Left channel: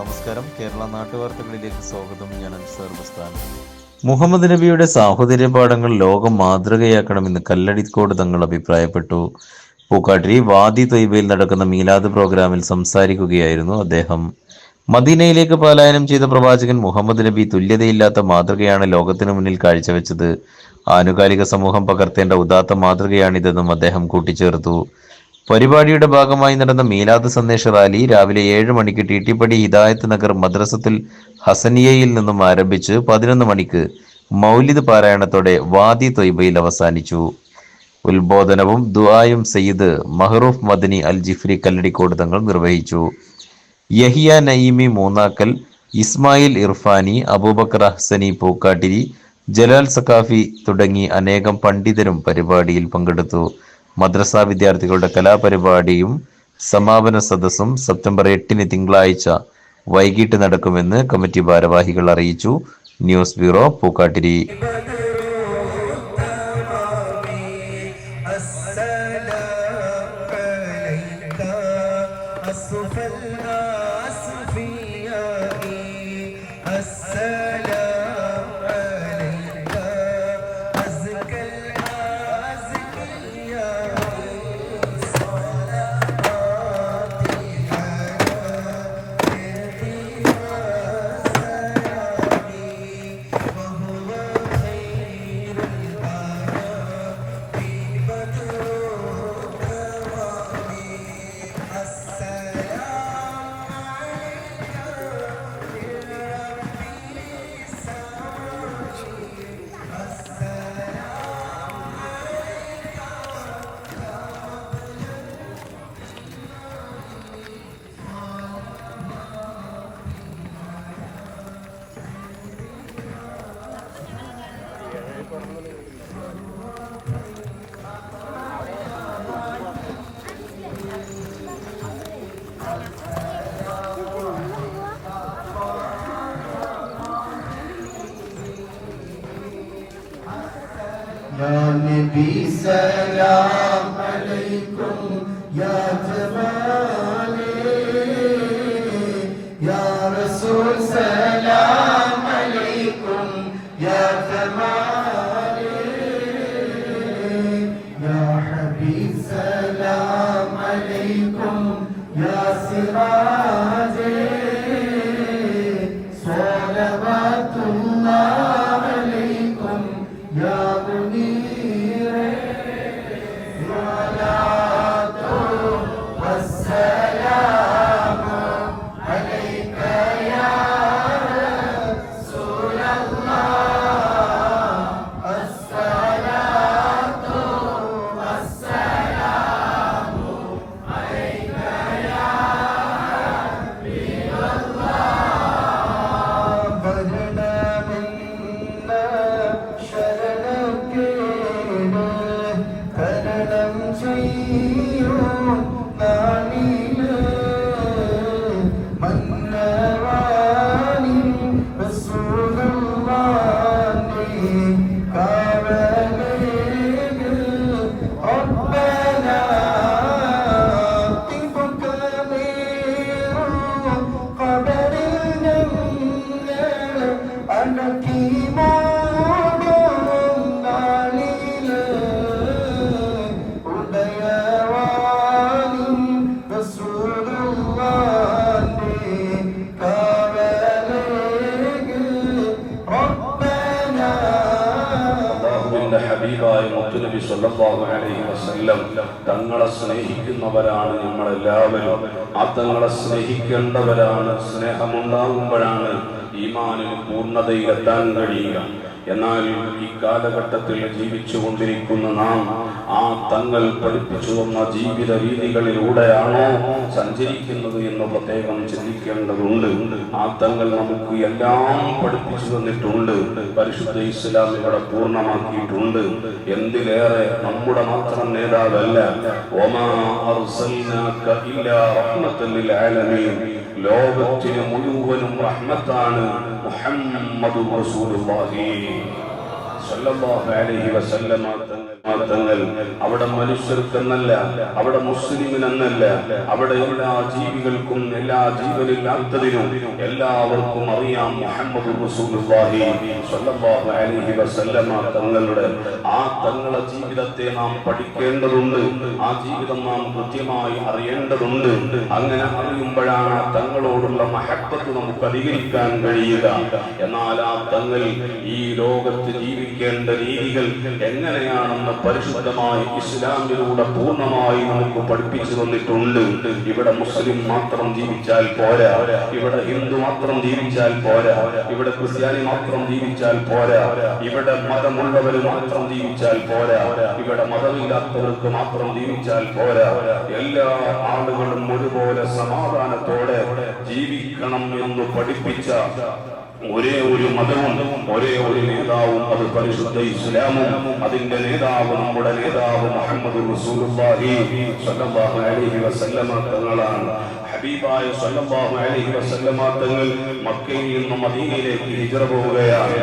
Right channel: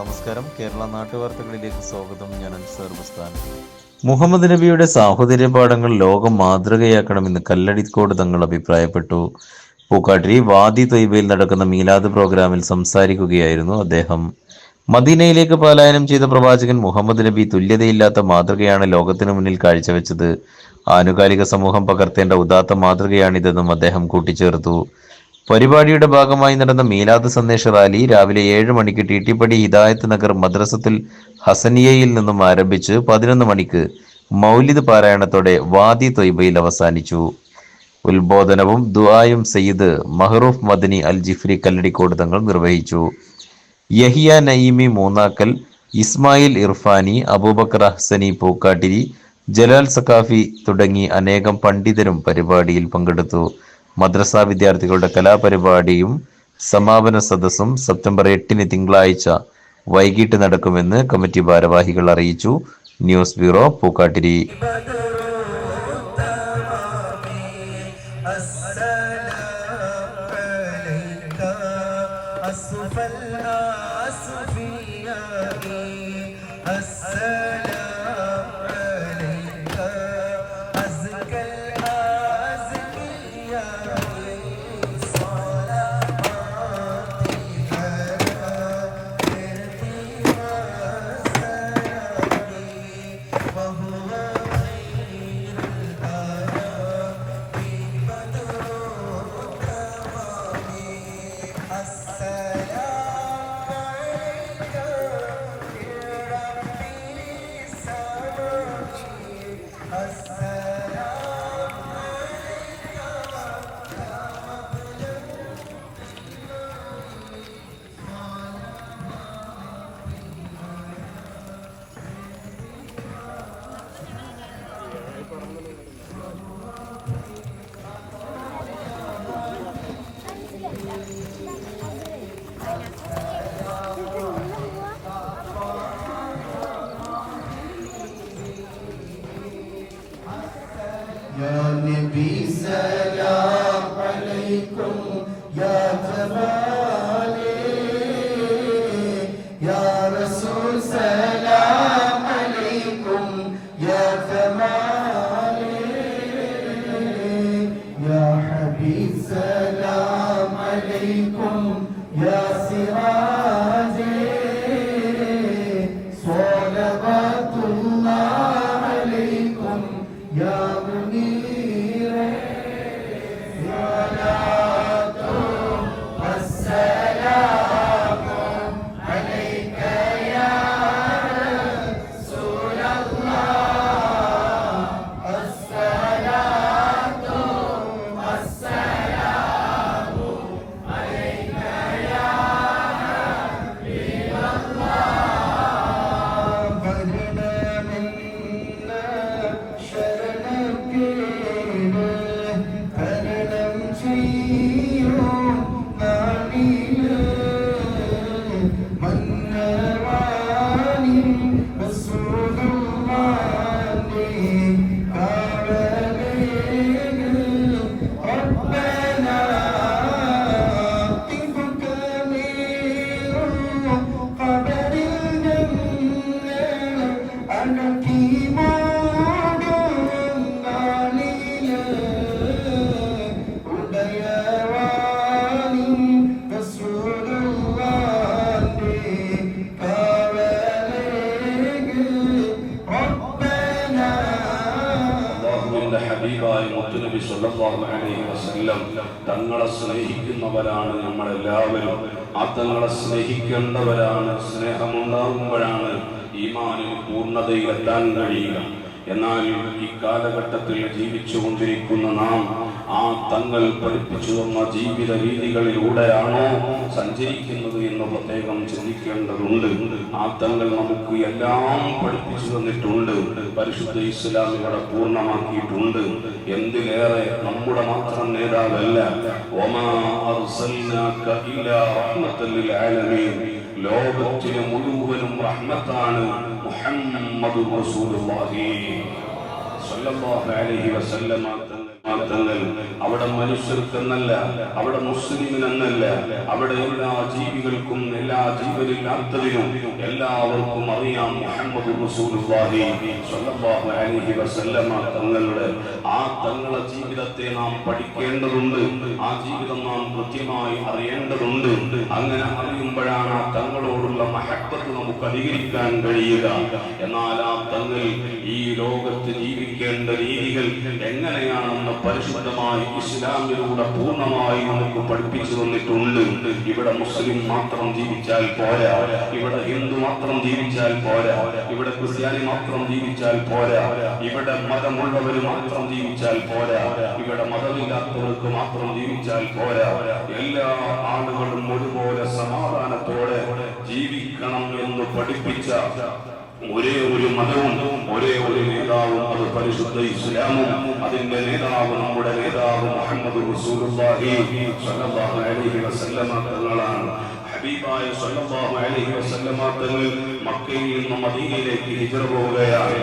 നമസ്കാരം. കേരള നാട്ടുവാർത്തകളിലേക്ക് സ്വാഗതം. ഞാൻ അൻസാർ ബസ്താൻ. മുഹമ്മദ് നബിയുടെ സാഹോദര്യ പാഠങ്ങൾ ലോകം മാതൃകയാക്കണമെന്ന് കല്ലടിക്കോട് തങ്ങൾ അഭിപ്രായപ്പെട്ടു. പൂക്കാട്ടിരി വാദി തൊയ്ബയിൽ നടക്കുന്ന മീലാദ് പ്രോഗ്രാമിൽ സംസാരിക്കുകയായിരുന്നു അദ്ദേഹം. മദീനയിലേക്ക് പലായനം ചെയ്ത പ്രവാചകൻ മുഹമ്മദ് നബി തുല്യതയില്ലാത്ത മാതൃകയാണ് ലോകത്തിനു മുന്നിൽ കാഴ്ചവെച്ചത്. ആനുകാലിക സമൂഹം പകർത്തേണ്ട ഉദാത്ത മാതൃകയാണിതെന്നും അദ്ദേഹം കൂട്ടിച്ചേർത്തു. പരിപാടിയുടെ ഭാഗമായി നടന്ന മീലാദ് സന്ദേശ റാലി രാവിലെ ഏഴ് മണിക്ക് ടിട്ടിപ്പടി ഹിദായത്ത് നഗർ മദ്രസത്തിൽ ഹസനിയയിൽ നിന്നും ആരംഭിച്ച് പതിനൊന്ന് മണിക്ക് മൗലിദ് പാരായണത്തോടെ വാദി തൊയ്ബയിൽ അവസാനിച്ചു. ഉത്ബോധനവും ദുആയും സയ്യിദ് മഹ്റൂഫ് മദനി അൽ ജിഫ്രി കല്ലടിക്കോട് തങ്ങൾ നിർവഹിച്ചു. യഹിയ നയിമി മൂന്നാക്കൽ ഇസ്മായിൽ ഇർഫാനി അബൂബക്കർ ഹസനി പൂക്കാട്ടിരി ജലാൽ സക്കാഫി തുടങ്ങി അനേകം പണ്ഡിതരും പരിപാടിയിൽ പങ്കെടുത്തു. മദ്രസ വിദ്യാർത്ഥികളുടെ കലാപരിപാടിയും സമാപന സദസ്സും സെപ്റ്റംബർ എട്ടിന് തിങ്കളാഴ്ച വൈകിട്ട് നടക്കുമെന്ന് കമ്മിറ്റി ഭാരവാഹികൾ അറിയിച്ചു. News bureau Pookkattiri. സല്ലല്ലാഹു അലൈഹി വസല്ലം തങ്ങളെ സ്നേഹിക്കുന്നവരാണ് നമ്മളെല്ലാവരും. ആ തങ്ങളെ സ്നേഹിക്കേണ്ടവരാണ് സ്നേഹമുണ്ടാകുമ്പോഴാണ് ഈമാനിന് പൂർണതയിലെത്താൻ കഴിയുക. എന്നാൽ ഈ കാലഘട്ടത്തിൽ ജീവിച്ചു കൊണ്ടിരിക്കുന്ന നാം ആ തങ്ങൾ പഠിപ്പിച്ചു വന്ന ജീവിത രീതികളിലൂടെയാണോ സഞ്ചരിക്കുന്നത് എന്ന് പ്രത്യേകം ചിന്തിക്കേണ്ടതുണ്ട്. ആ തങ്ങൾ നമുക്ക് എല്ലാം പഠിപ്പിച്ചു തന്നിട്ടുണ്ട്. പരിശുദ്ധ ഇസ്ലാം ഇവിടെ പൂർണമാക്കിയിട്ടുണ്ട്. എന്തിലേറെ? നമ്മുടെ മാത്രം നേതാവല്ല. ലോകത്തിന് മുഴുവനും റഹ്മത്താണ് മുഹമ്മദ് റസൂലുള്ളാഹി. സ്വല്ലല്ലാഹു അലൈഹി വസല്ലമ തങ്ങൾ അവിടെ മനുഷ്യർക്കെന്നല്ല അവിടെ മുസ്ലിമിനെന്നല്ല അവിടെ എല്ലാ ജീവികൾക്കും എല്ലാ ജീവനില്ലാത്തതിനും എല്ലാവർക്കും അറിയാം മുഹമ്മദ് അലൈഹി വസല്ലമ തങ്ങളുടെ ആ തങ്ങളുടെ ജീവിതത്തെ നാം പഠിക്കേണ്ടതുണ്ട്. ആ ജീവിതം നാം കൃത്യമായി അറിയേണ്ടതുണ്ട്. അങ്ങനെ അറിയുമ്പോഴാണ് ആ തങ്ങളോടുള്ള മഹത്വത്ത് നമുക്ക് അധികരിക്കാൻ കഴിയുക. എന്നാൽ ആ തങ്ങൾ ഈ ലോകത്ത് ജീവിക്കേണ്ട രീതികൾ എങ്ങനെയാണെന്ന് പരിശുദ്ധമായി ഇസ്ലാമിലൂടെ പൂർണമായി നമുക്ക് പഠിപ്പിച്ചു തന്നിട്ടുണ്ട്. ഇവിടെ മുസ്ലിം മാത്രം ജീവിച്ചാൽ പോരാ. ഇവിടെ ഹിന്ദു മാത്രം ജീവിച്ചാൽ പോരാ. ഇവിടെ ക്രിസ്ത്യാനി മാത്രം ജീവിച്ചാൽ പോരാ. ഇവിടെ മതമുള്ളവർ മാത്രം ജീവിച്ചാൽ പോരാ. ഇവിടെ മതമില്ലാത്തവർക്ക് മാത്രം ജീവിച്ചാൽ പോരാ. എല്ലാ ആളുകളും ഒരുപോലെ സമാധാനത്തോടെ ജീവിക്കണം എന്ന് പഠിപ്പിച്ച ഒരേ ഒരു മതവും ഒരേ ഒരു നേതാവും അത് പരിശുദ്ധ ഇസ്ലാമും അതിന്റെ നേതാവ് നമ്മുടെ നേതാവ് മുഹമ്മദ് തങ്ങളാണ്. ഹബീബായ തങ്ങൾ മക്കയിൽ നിന്നും മദീനയിലേക്ക് ഹിജറ പോവുകയാണ്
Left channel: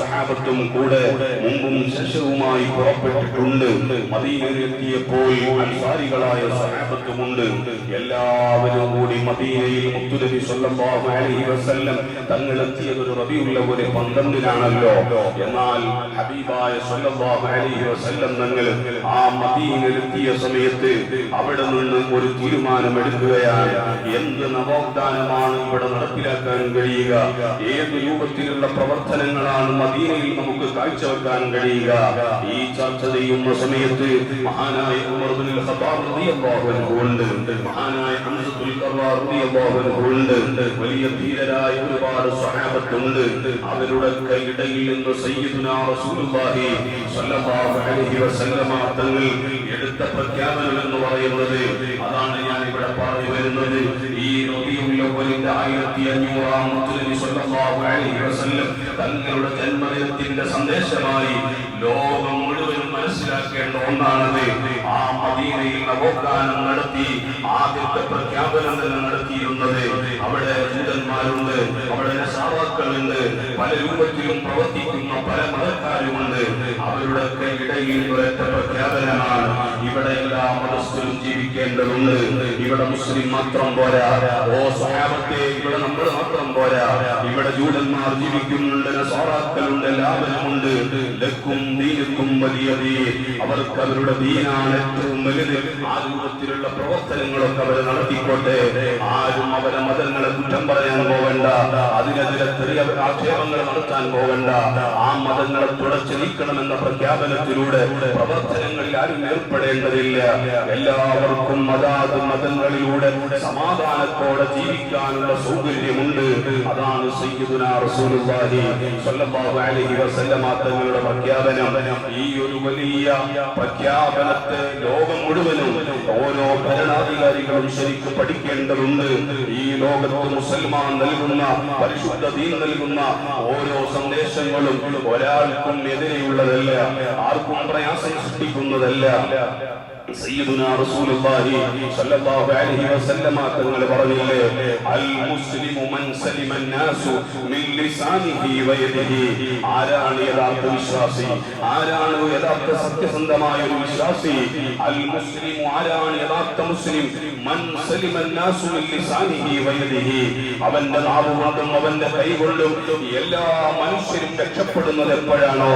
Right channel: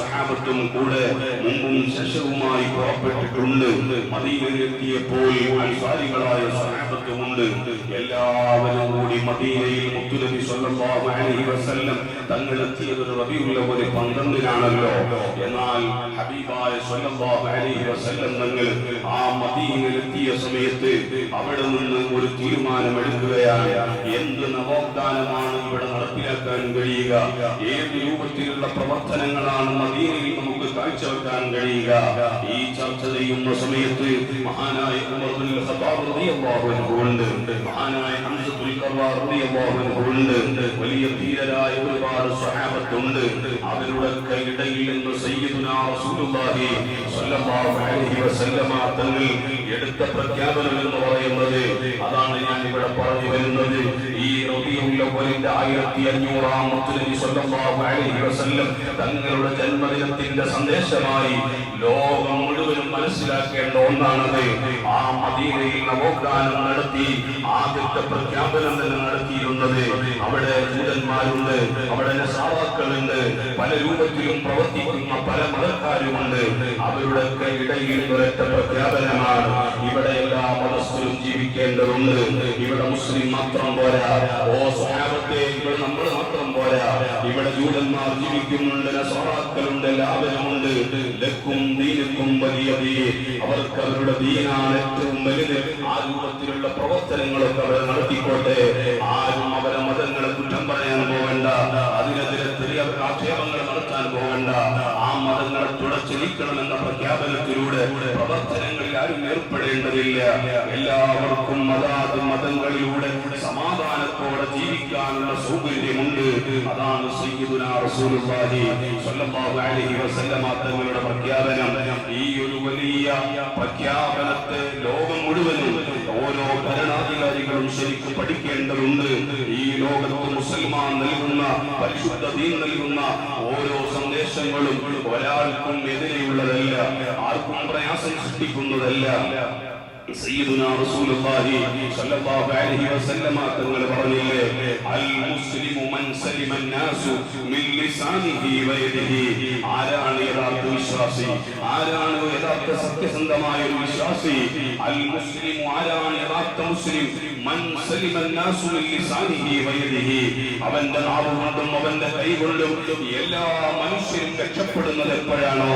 സഹാബത്തും കൂടെ മുമ്പും ശേഷവുമായി പുറപ്പെട്ടിട്ടുണ്ട്. മദീനയിൽ എത്തിയപ്പോൾ അൻസാരികളായ സഹാബത്തുമുണ്ട്. എല്ലാവരും കൂടി മദീനയിൽ മുത്തുനബി സ്വല്ലല്ലാഹു അലൈഹി വസല്ലം തങ്ങൾ എത്തിയത് ഒരു റബീഉൽ അവ്വൽ പന്ത്രണ്ടിനാണല്ലോ എന്നാൽ ഹബീബായ സ്വല്ലല്ലാഹു അലൈഹി വസല്ലം തങ്ങൾ ആ മദീനയിൽ എത്തിയ സമയത്ത് അവിടെ നിന്ന് ഒരു തീരുമാനം എടുക്കുകയാണ് എന്ത് നവോത്ഥാനമാണ് ഇവിടെ നടപ്പിലാക്കാൻ കഴിയുക. ഏത് രൂപത്തിലുള്ള പ്രവർത്തനങ്ങളാണ് മദീനയിൽ നമുക്ക് കാഴ്ചവെക്കാൻ കഴിയുക? ഈ ചർച്ച ചെയ്യുന്ന സമയത്ത് മഹാനായ ഉണ്ട്. മഹാനായ ഉണ്ട്. വലിയ ധീരരായ ഒരുപാട് സ്വഹാബത്തുണ്ട്. അവരുടെ ഇടയിൽ നിന്ന് സയ്യിദുനാ റസൂലുള്ളാഹി സ്വല്ലല്ലാഹു അലൈഹി വസല്ലമ തങ്ങൾ എടുത്ത പ്രഖ്യാപനം സന്ദേശമായി ലോകം മുഴുവനും മനസ്സിലാക്കേണ്ട ഒന്നാണത്. നവോത്ഥാനം നടത്തി ആദ്യത്തെ പ്രഖ്യാപനം തന്നെ നടത്തിയിരുന്നത് അവിടെ ജൂതന്മാരുണ്ട് അവിടെ സാവാക്കളുണ്ട് പല രൂപത്തിലും പ്രവർത്തിക്കുന്ന പല മതക്കാരുമുണ്ട്. അവരുടെ ഇടയിൽ ഒരൊറ്റ പ്രഖ്യാപനമാണ് ഇവിടെ എല്ലാ മനസ്സിലും ജീവിക്കേണ്ടതുണ്ട്. ഇവിടെ മുസ്ലിം മാത്രം പോരാ ഓ സഹാബത്തെ ഇവിടെ നമ്മൾ മാത്രം പോരാ. ഇവിടെ ജൂതന്മാർ ജീവിക്കുന്നുണ്ട് നസാറാക്കളുണ്ട് ലാഭനമുണ്ട് ലക്കും ദീനുക്കും വലിയ അവർക്ക് അവരുടെ ദീനാണ് ഏറ്റവും വലുത്. ആ രൂപത്തിലുള്ള പ്രവർത്തനങ്ങളൊക്കെ അവർ നടത്തിക്കോട്ടെ ആരും അവരെ മതങ്ങളെ കുറ്റം പറയാൻ പോകണ്ട അതിനെതിരെ ചെറിയ ആക്ഷേപങ്ങൾ നടത്താൻ പോകണ്ട ആ മതങ്ങളെ തുടച്ചു നീക്കണമെന്ന പ്രഖ്യാപനത്തിലൂടെ പ്രവർത്തനങ്ങളിൽ ആരും ഏർപ്പെടേണ്ടതില്ല. എല്ലാവർക്കും മതാത് മതങ്ങളിലൂടെ സമാധാനത്തോടെ ജീവിക്കാനുള്ള സൗകര്യമുണ്ട്. അതാണ് തങ്ങളുടെ പ്രഖ്യാപനം. ഈ ഒരു വലിയ പ്രഖ്യാപനത്തെ ലോകം മുഴുവനും ഓരോ ഭരണാധികാരികളും ശരിക്കും പഠിക്കേണ്ടതുണ്ട്. ഈ ലോകത്ത് മുസൽമാൻ നൽകുന്ന പരിശുദ്ധ ദീൻ നൽകുന്ന ഓരോ സന്ദേശങ്ങളും ഒരാൾക്കും എതിരെയുള്ളതല്ല ആർക്കും പ്രയാസം സൃഷ്ടിക്കുന്നതല്ല. സയ്യിദുനാ റസൂലുള്ളാഹി സ്വല്ലല്ലാഹു അലൈഹി വസല്ലമ തങ്ങൾ പറഞ്ഞില്ലേ? അൽ മുസ്ലിമു മൻ സലിമ നാസു മിൻ ലിസാനിഹി വയദിഹി ആരാണ് യഥാർത്ഥ വിശ്വാസി? ആരാണ് യഥാർത്ഥ സത്യസന്ധമായ ഒരു വിശ്വാസി? അൽ മുസ്ലിമു ആരാണ് യഥാർത്ഥ മുസ്ലിം? മൻ സലിമ നാസു മിൻ ലിസാനിഹി വയദിഹി അവന്റെ നാവ് കൊണ്ടും അവന്റെ കൈ എല്ലാ മനുഷ്യരും രക്ഷപ്പെടുന്നത് എപ്പോഴാണോ?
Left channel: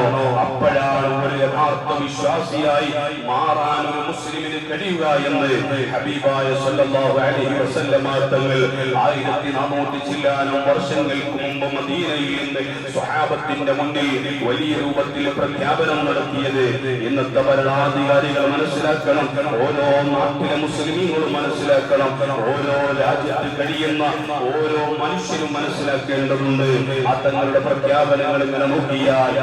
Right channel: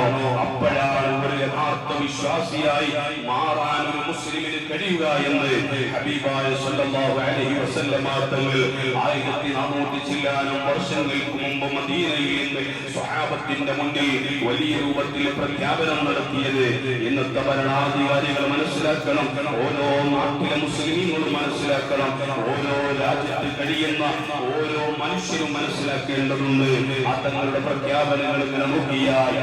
അപ്പോഴാണ് ഒരു യഥാർത്ഥ വിശ്വാസിയായി മാറാൻ മുസ്ലിമിന് കഴിയുക എന്ന് ഹബീബായ സല്ലല്ലാഹു അലൈഹി വസല്ലമ തങ്ങൾ ആയിരത്തി നാനൂറ്റി ചില്ലാനും വർഷങ്ങൾക്ക് മുമ്പ് മദീനയിൽ സ്വഹാബത്തിന്റെ മുന്നിൽ വലിയ രൂപത്തിൽ പ്രഖ്യാപനം നടത്തിയത്. ഇന്നത്തെ ഭരണാധികാരികൾ മനസ്സിലാക്കണം ഓരോ നാട്ടിലെ മുസ്ലിമീങ്ങളും മനസ്സിലാക്കണം ഓരോ രാജ്യത്ത് കഴിയുന്ന ഓരോ മനുഷ്യരും മനസ്സിലാക്കേണ്ടതുണ്ട്. ആ തങ്ങളുടെ പ്രഖ്യാപനങ്ങൾ ഇങ്ങനെ നോക്കിയാൽ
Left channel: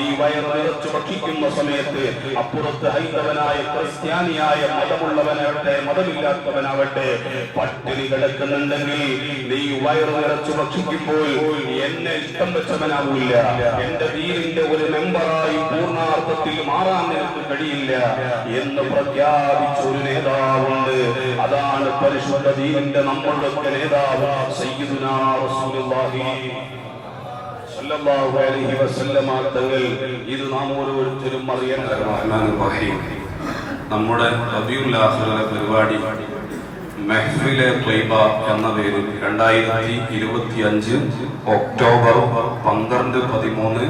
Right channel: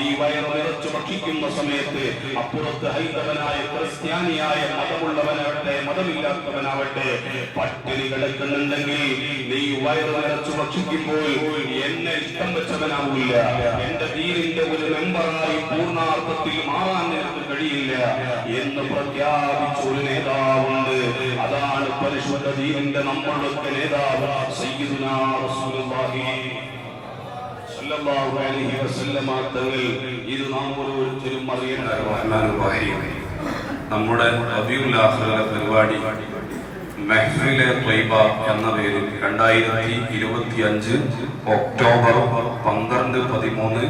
കാഫിറാ. വയറ് നിറച്ചു ഭക്ഷിക്കുന്ന സമയത്ത് അപ്പുറത്ത് ഹൈന്ദവനായ ക്രിസ്ത്യാനിയായ മതമുള്ളവനാവട്ടെ മതമില്ലാത്തവനാവട്ടെ പട്ടിണി കിടക്കുന്നുണ്ടെങ്കിൽ നീ വയറ് നിറച്ചു ഭക്ഷിക്കുമ്പോൾ എന്നെ ഇഷ്ടം വെച്ചവനാവില്ല എന്റെ വീടിന്റെ ഒരു മെമ്പറായി പൂർണാർത്ഥത്തിൽ മാറാൻ നിനക്ക് കഴിയില്ല എന്ന് പ്രഖ്യാപിച്ച ഒരു നേതാവുണ്ട് അതാണ് പരിശുദ്ധ ദീനിന്റെ നമ്മളുടെ നേതാവ് സയ്യിദുനാ റസൂലുള്ളാഹി നമ്മുടെ പരിപാടി എന്ന പേരിൽ രണ്ടായിരത്തി ഇരുപത്തി അഞ്ച് ഒക്ടോബർ പന്ത്രണ്ട് പതിമൂന്ന്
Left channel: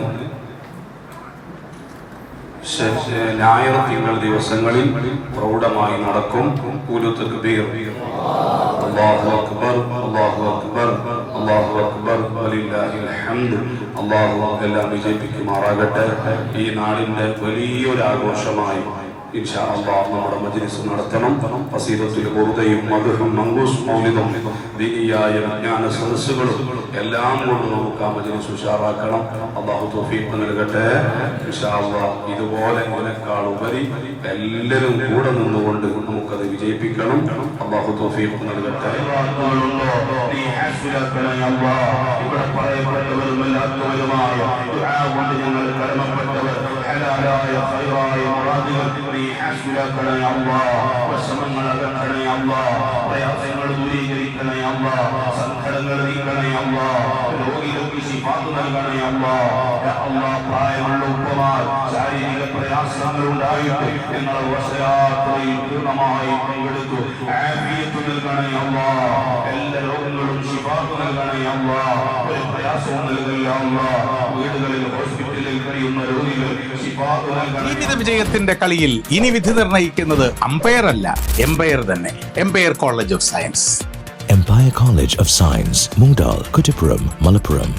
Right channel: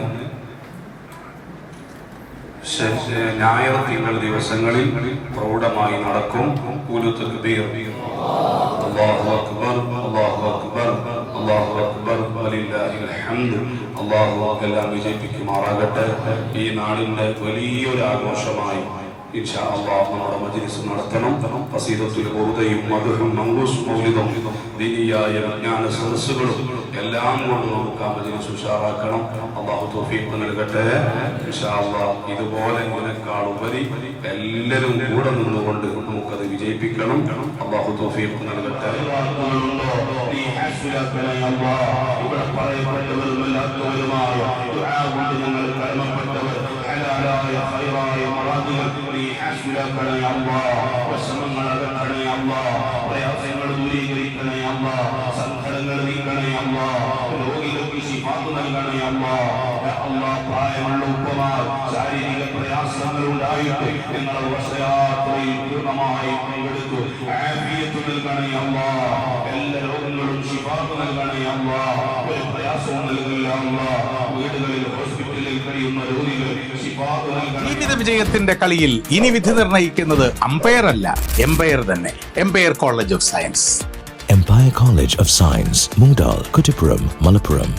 ഞായർ തിങ്കൾ ദിവസങ്ങളിൽ പ്രൗഢമായി നടക്കും. ഒരു തക്ബീർ. അല്ലാഹു അക്ബർ അല്ലാഹു അക്ബർ. അല്ലാഹു അക്ബർ വലില്ലാഹിൽ അള്ളാഹു എല്ലാം വിജയിപ്പിക്കുമാറാകട്ടെ. ഈ നാടിന്റെ വലിയൊരു ആഘോഷമായി നമ്മുടെ മജ്ലിസ് നടത്തണം. മൗലിദും ദീനിയായ എല്ലാം തൗഫീഖ് നൽകട്ടെ. ഇതുപോലെ ഉപരി എല്ലാവരും കൂടെ നിന്നുകൊണ്ട് നമുക്കത് വിജയിപ്പിക്കണം. അല്ലാഹു തൗഫീഖ് നൽകട്ടെ. ഞങ്ങൾ കടമപ്പെട്ടവർ ഹാസിലാക്കണേ അല്ലാഹ് വശമങ്ങൾ അകറ്റണേ അല്ലാഹ് പ്രയാസങ്ങൾ ദൂരീകരിക്കണേ അല്ലാഹ് സങ്കടങ്ങൾ നീക്കണേ അല്ലാഹ് രോഗികൾക്ക് ശിഫാത്ത് നൽകണേ യാ അല്ലാഹ് പ്രായമുള്ള ഉപ്പമാർ ശാരീരിക പ്രയാസങ്ങൾ ഉണ്ടായിട്ട് നിങ്ങൾ വർഷയാത്രയിൽ പൂർണമായി പങ്കെടുത്തു ആഫിയത്ത് നൽകണേ എല്ലാ നൽകണേ ഒരു പ്രയാസവും നൽകില്ല വീടുകളിൽ ഹോസ്പിറ്റലിൽ കഴിയുന്ന രോഗികൾ വിജയത്തിന്റെ കളിയിൽ ഇനി വിധി നിർണയിക്കുന്നത് അമ്പയർ അല്ല എംപയർ തന്നെ. Empire College of Science Empire College of Science Moondal, Kuttipuram, Malappuram.